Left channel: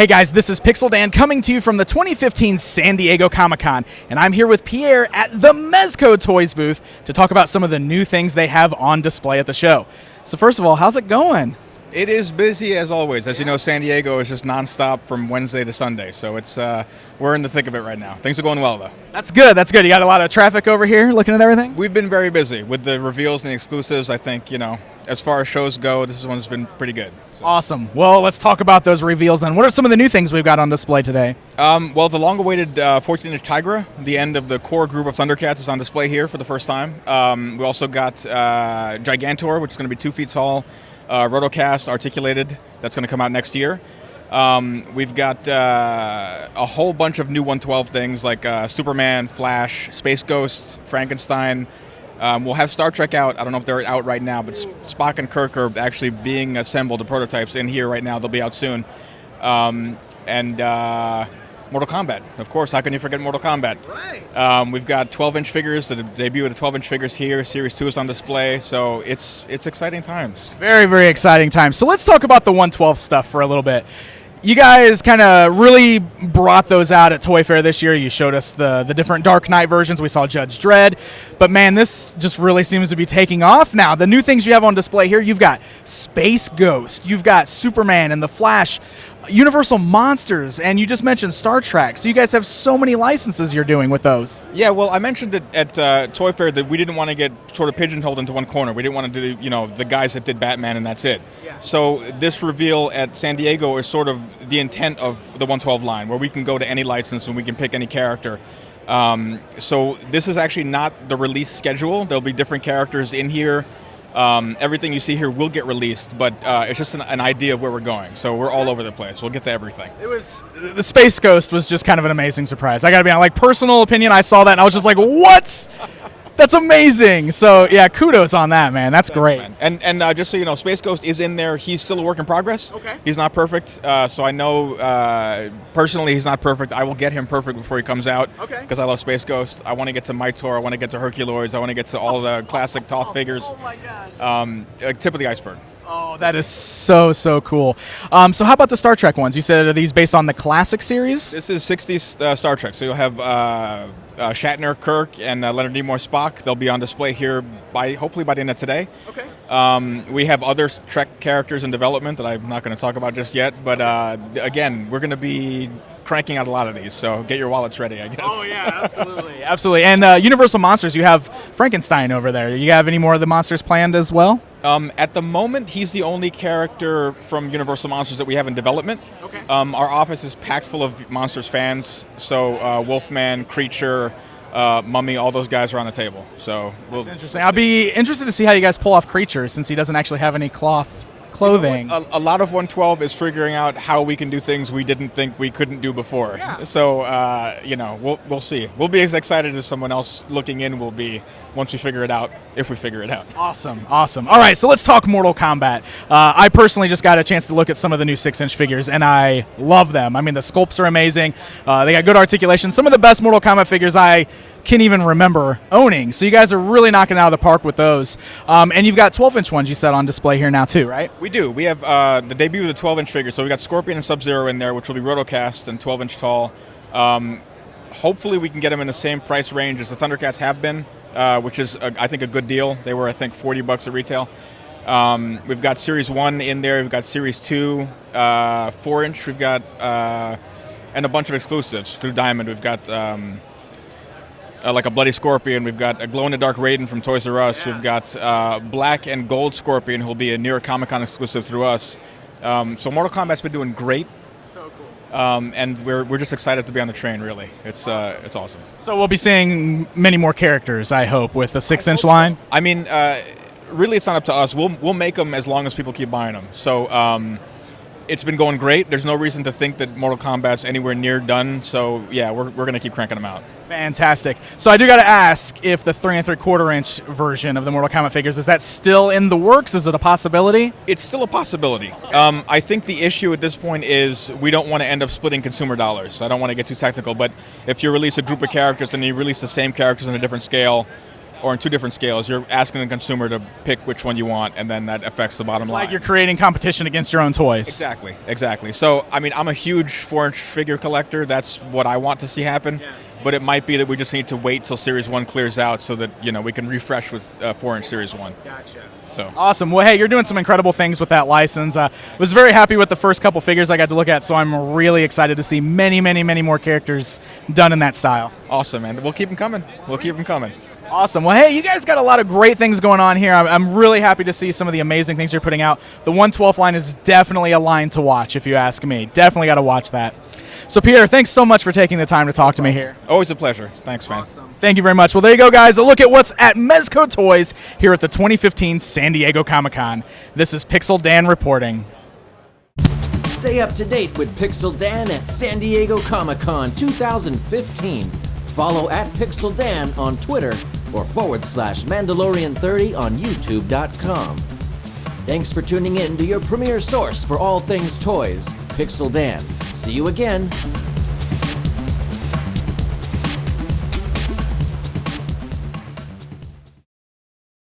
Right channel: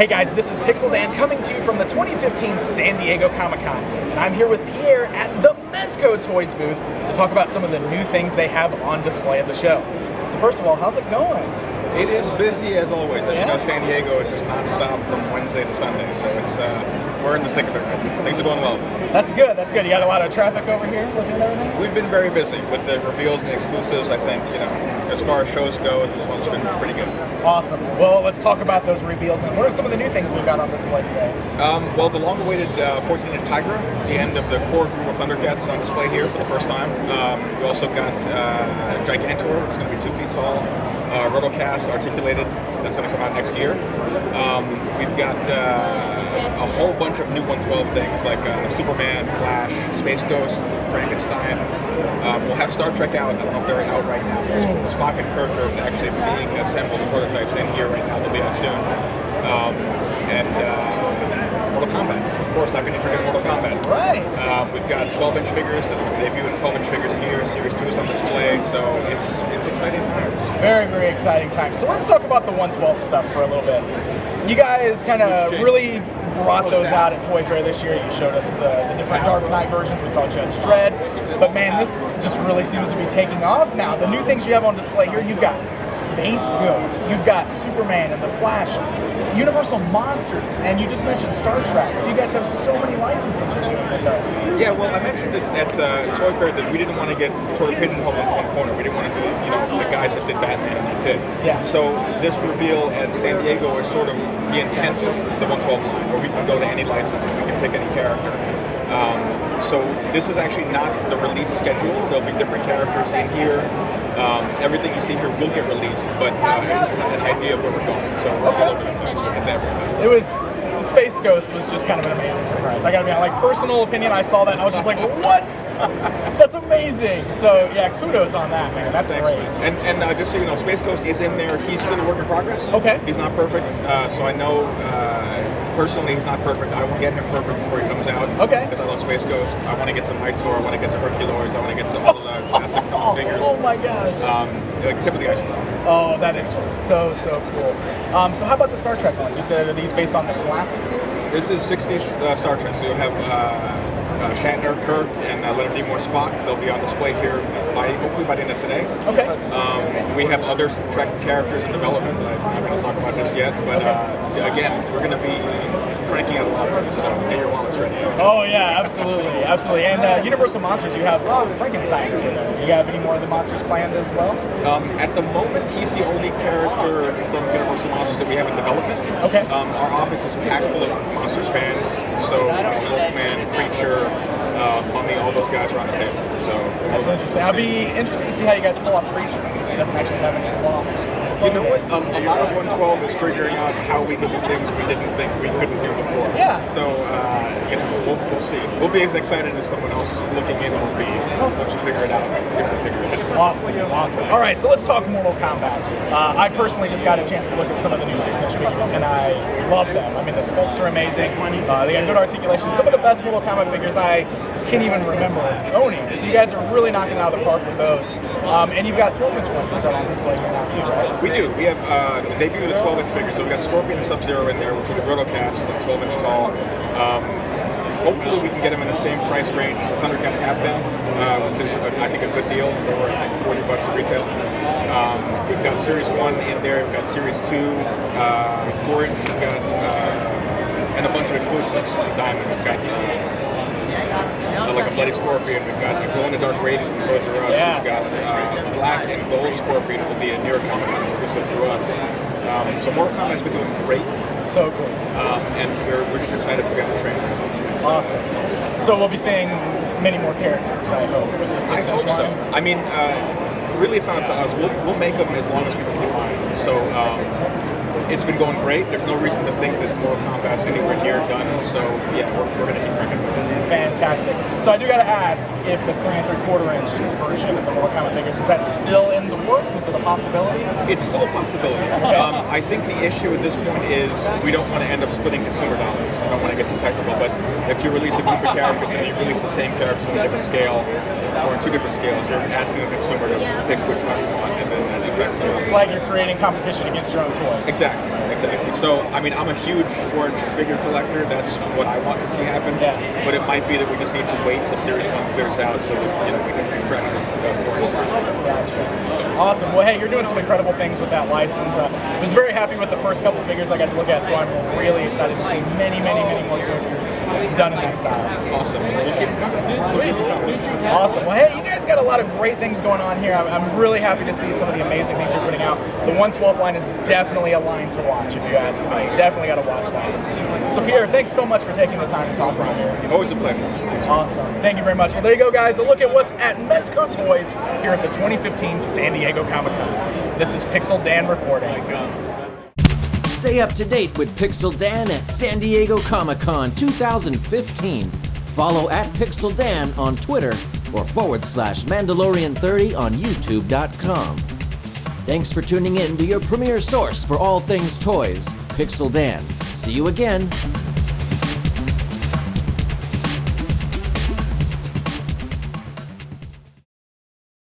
Hey guys, this is Pixel Dan coming to you from the 2015 San Diego Comic-Con, and I'm here with Pierre at the Mezco Toys booth to talk about some of the new things they have on display at the show. So first of all, how's it going? It is busy as always. As you know, San Diego is just nonstop from Wednesday to Sunday, so it's we're in the thick of it right now. Things are going well, though. That's good, that's good. You got a lot of traffic over here looking at everything? We've been very busy with the reveals and the exclusives. I think, as far as shows go, this one's been pretty good. Awesome. Well, let's talk about those reveals then. What are some of the new things we've got on display today? Well, the long-awaited 14-inch Tigra, the end of the core group of ThunderCats, is on display here for the first time. We also got Gigantor, which is going to be 2 feet tall. Rotocast articulated, that's going to come out next year. We've got a whole bunch of new 112 things like Superman, Flash, Space Ghost, Frankenstein. We'll have Star Trek out. I don't know if they're out right now, but Spock and Kirk are actually being assembled, the prototypes in here right now. They'll be out soon. Mortal Kombat. Of course, how can you forget Mortal Kombat? Right. We've got 12-inch figures, so the debut of the 12-inch figures here. Series 2 is on display, so it's exciting times. Very, very exciting times. So let's talk about the 112 stuff for a little bit. You guys kind of really brought those out at Toy Fair this year. You showed us the different Dark Knight versions. We saw Judge Dredd. But man, this just really seems to be taking off now. The new things you have on display here, you've got Space Ghost, you've got Superman and the Flash, Universal Monsters, and you just mentioned Star Trek. So you guys have so many licenses you're doing with those. Yeah, well, I mentioned at Toy Fair that we didn't want to get sort of pigeonholed into one corner. We didn't want to do, the guys that did Batman and that's it. Yeah. So this reveal at San Diego is sort of the intent of the 112 line, where we can go to any license and we can pick any character. So this is actually not the release schedule. There'll be different characters in here. Everything you see here will get released, but it's just an idea of where we're going. So we're all over the place. We'll get to everything. The Space Ghost was just kind of an amazing surprise. I gotta be honest, personal opinion, I saw that and I was just like, what? That's amazing. So yeah, kudos on that, man. That's great. And just so you know, Space Ghost is in there. He's still a work in progress. Okay. He's not perfect. So I know personally he's not perfect. I will get him perfect before he comes out. Okay. Because I love Space Ghost. I want to get to Mitor. I want to get to Herculoids. I want to get to all the classic Toth figures. Oh my gosh. Like tip of the iceberg. Oh, that is so cool. So how about the Star Trek ones? You said, are these based on the classic series? This is 60s Star Trek. So you'll have Shatner, Kirk, and Leonard Nimoy Spock. They'll be on display here hopefully by the end of today. Okay. We have other Trek characters in development that I'm not going to talk about just yet. But again, we're going to be cranking out a lot of these, so get your wallets ready, I guess. Oh yeah, absolutely, absolutely. And Universal Monsters, you have Frankenstein over there. You have any more of the monsters planned as well? At the moment, he's the only character from Universal Monsters that we have in development. Okay. Our office is packed full of Monsters fans, so Wolfman, Creature, Mummy, all those guys are on the table. So that's interesting. I'll be interested to see how you guys pull off Creature, since he doesn't actually have any clothing. A lot of 112 is figuring out how we can do things we didn't think we couldn't do before. Yeah. So, we'll see. We'll be as excited as someone else looking in will be once we figure it out, if we figure it out. Awesome. All right, so let's talk Mortal Kombat. I personally just got a chance to look at some of the new 6-inch figures, and I love them. I mean, the sculpts are amazing. They got good articulation. Some of the best Mortal Kombat figures I can't even remember owning. So you guys are really knocking it out of the park with those. And you've got 12-inch ones you said on display here now too, right? We do. We have the debut of the 12-inch figure. So we got Scorpion and Sub-Zero in there, which will be rotocast and 12-inch tall. Hopefully we can get them in the same price range as the ThunderCats have been, which is, I think, a good deal. They were, I think, $40 at retail. We've got Series 1 in there. We've got Series 2, 4-inch. We've got, and a bunch of exclusives through Diamond. We've got like a Bloody Scorpion. We've got a glow-in-the-dark Raiden from Toys R Us. Yeah. We've got black and gold Scorpion, who will be a New York Comic-Con exclusive through us. So Mortal Kombat's been doing great. So cool. And we're just excited to be on the train, really. It's awesome. It's awesome. So we'll be seeing many more characters, I hope, with the 6-inch line. So. I mean, really, it's not up to us. We'll make them as long as people keep buying them. So it's been going great. There's no reason to think that Mortal Kombat's anywhere near done. So yeah, we're going to keep cranking them out. Fantastic. So I do got to ask if the 3 3/4-inch version of the Mortal Kombat figures, is that still in the works? Is it a possibility? It's still a possibility. I think the issue at this point is we don't want to end up splitting consumer dollars. I don't want to get too technical, but if you release a group of characters and you release the same characters in a different scale, or on two different scales. You're asking the consumer to pick which one you want, and then that affects the amount of It's money. like you're creating competition against your own toys. Exactly. So, I mean, I'm a huge 4-inch figure collector. That's what I want to see happen. Yeah. But it might be that we just need to wait till Series 1 clears out so that, you know, we can refresh with 4-inch Series 1. So. Awesome. Well, hey, you're doing some incredible things with that license. Was very happy with the first couple figures I got to look at, so I'm really excited to see many, many, many more characters done in that style. Awesome. We'll keep them coming. Awesome. Well, hey, you guys got a lot of great things going on here. I'm really happy to see some of the amazing things you're putting out. The 1/12 line is definitely a line to watch, if you ask me. Definitely got to watch that. So, Pierre, thanks so much for taking the time to talk to me here. Always a pleasure. Thanks, man. Awesome. Thank you very much. Well, there you go, guys. A look at what's at Mezco Toys here at the 2015 San Diego Comic-Con. This is Pixel Dan reporting. Stay up to date with Pixel Dan at San Diego Comic-Con 2015. Follow at Pixel Dan on Twitter or /Mandalorian30 on YouTube.com. Thanks for tuning in to your premier source for all things toys, Pixel Dan. See you again.